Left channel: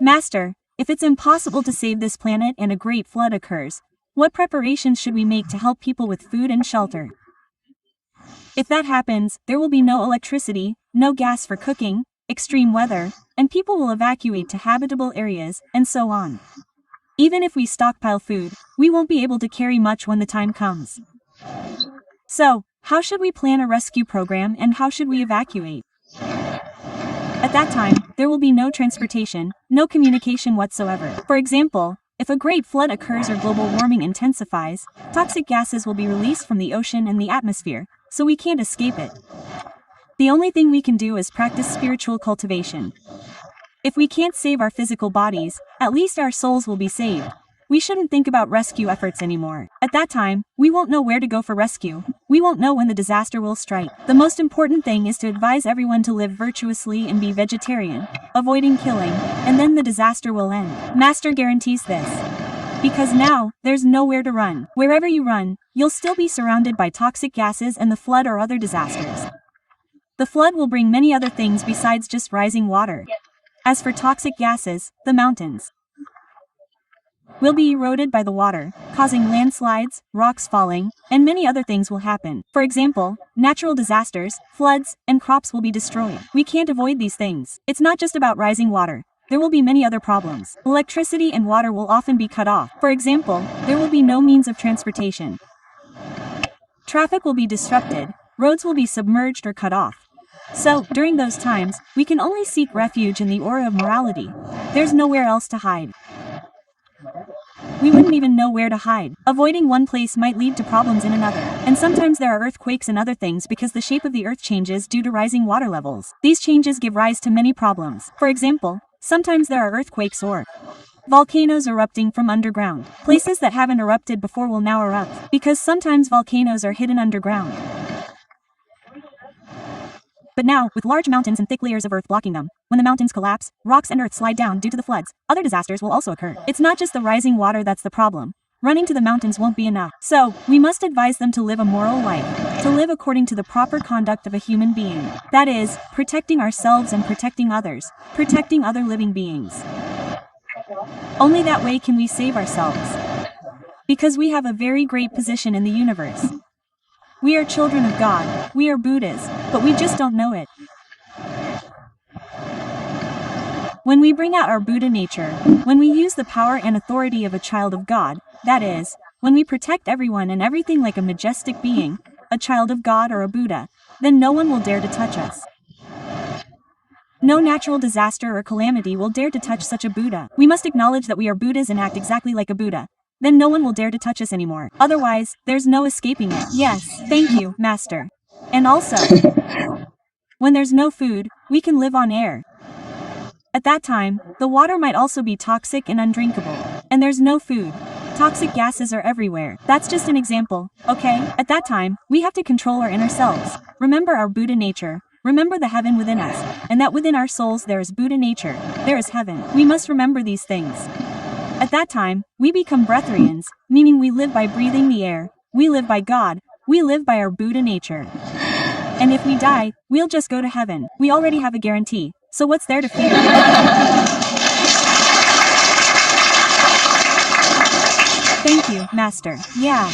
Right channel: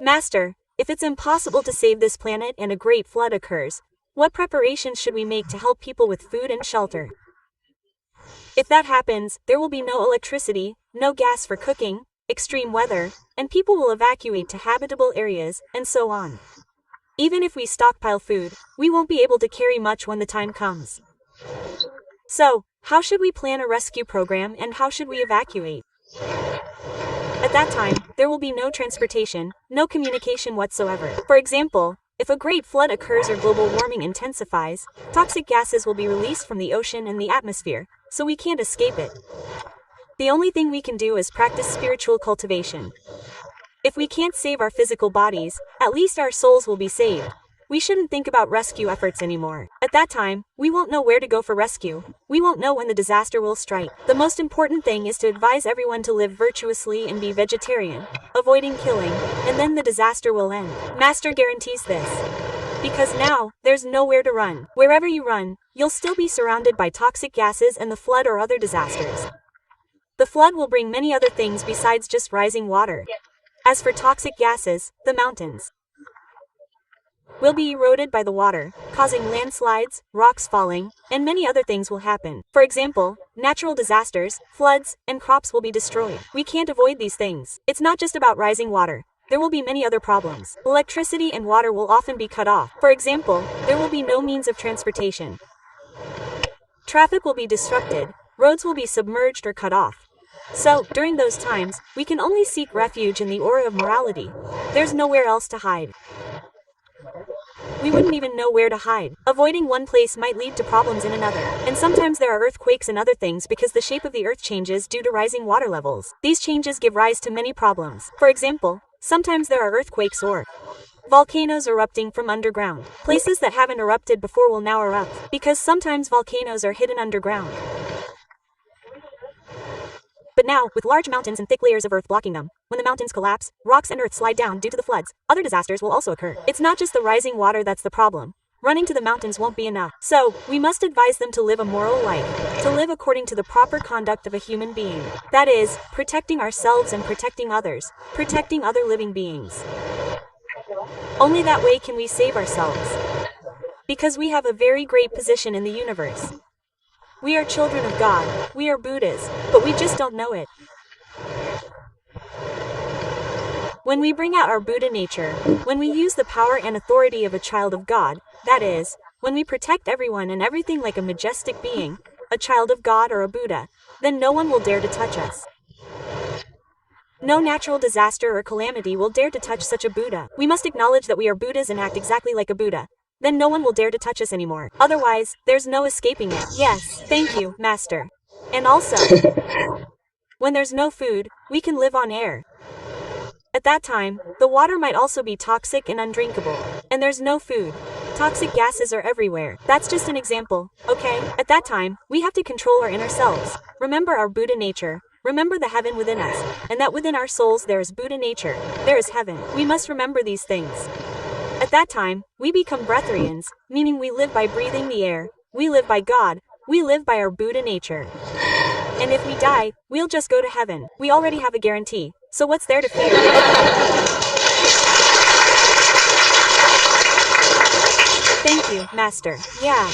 Master, if it's impossible to save this planet and a great flood occurs, what preparations should we make to help people with food and shelter? If that happens, there will be no electricity, no gas for cooking, extreme weather, and people will evacuate to habitable areas, and so on. Even if we stockpile food, we won't be able to carry much when the time comes. So, how should we plan a rescue program and how should we evacuate? At that time, there will be no transportation, no communication whatsoever. For example, if a great flood occurs or global warming intensifies, toxic gases will be released from the ocean and the atmosphere, so we can't escape it. The only thing we can do is practice spiritual cultivation. If we can't save our physical bodies, at least our souls will be saved. We shouldn't think about rescue efforts anymore. At that time, we won't know where to go for rescue. We won't know when the disaster will strike. The most important thing is to advise everyone to live virtuously and be vegetarian, avoiding killing, and then the disaster will end. Master guarantees this. Because now, there's nowhere to run. Wherever you run, you'll still be surrounded by toxic gases and the flood or other disasters. The flood will bring many other things besides just rising water. As for toxic gases, the mountains will be eroded by the water, causing landslides, rocks falling, and many other things will happen. For example, natural disasters, floods, and crops will be destroyed. We can't avoid these things. It's not just about rising water. There will be many other problems. Electricity and water will often be cut off. For example, there will be no means of transportation. Traffic will be disrupted, roads will be submerged or cut off. So, during those times, we can only seek refuge in the aura of morality. There's nowhere else to hide. We wouldn't even know where to hide. Avoiding one place might lead to problems in another. And sometimes there are earthquakes and other things because the shape of the earth changes due to rising water levels. These changes give rise to many problems. For example, sometimes there are earthquakes or volcanoes erupting from underground. Places that haven't erupted before will now erupt, because sometimes volcanoes are hidden underground. But now, with large mountains and thick layers of earth blocking them, when the mountains collapse, rocks and earth slide down due to the floods, other disasters will also occur. It's not just the rising water that's the problem. Running to the mountains won't be enough. So, we must advise them to live a moral life, to live according to the proper conduct of a human being. That is, protecting ourselves and protecting others, protecting other living beings. Only that way can we save ourselves. Because we have a very great position in the universe. We are children of God, we are Buddhas, but we just don't know it. When we bring out our Buddha nature, when we use the power and authority of a child of God, that is, when we protect everyone and everything like a majestic being, a child of God or a Buddha, then no one will dare to touch us. No natural disaster or calamity will dare to touch such a Buddha. We must acknowledge that we are Buddhas and act exactly like a Buddha. Then no one will dare to touch us anymore. Otherwise, there's no escaping it. Yes, thank you, Master. And also, when there's no food, we can live on air. At that time, the water might also be toxic and undrinkable. And there's no food. Toxic gases are everywhere. That's just an example, okay? At that time, we have to control our inner selves. Remember our Buddha nature. Remember the heaven within us. And that within our souls there is Buddha nature. There is heaven. We must remember these things. At that time, we become breatharians, meaning we live by breathing the air, we live by God, we live by our Buddha nature. And if we die, we'll just go to heaven. We already have a guarantee, so what's there to fear? Thank you, Master. Yeah.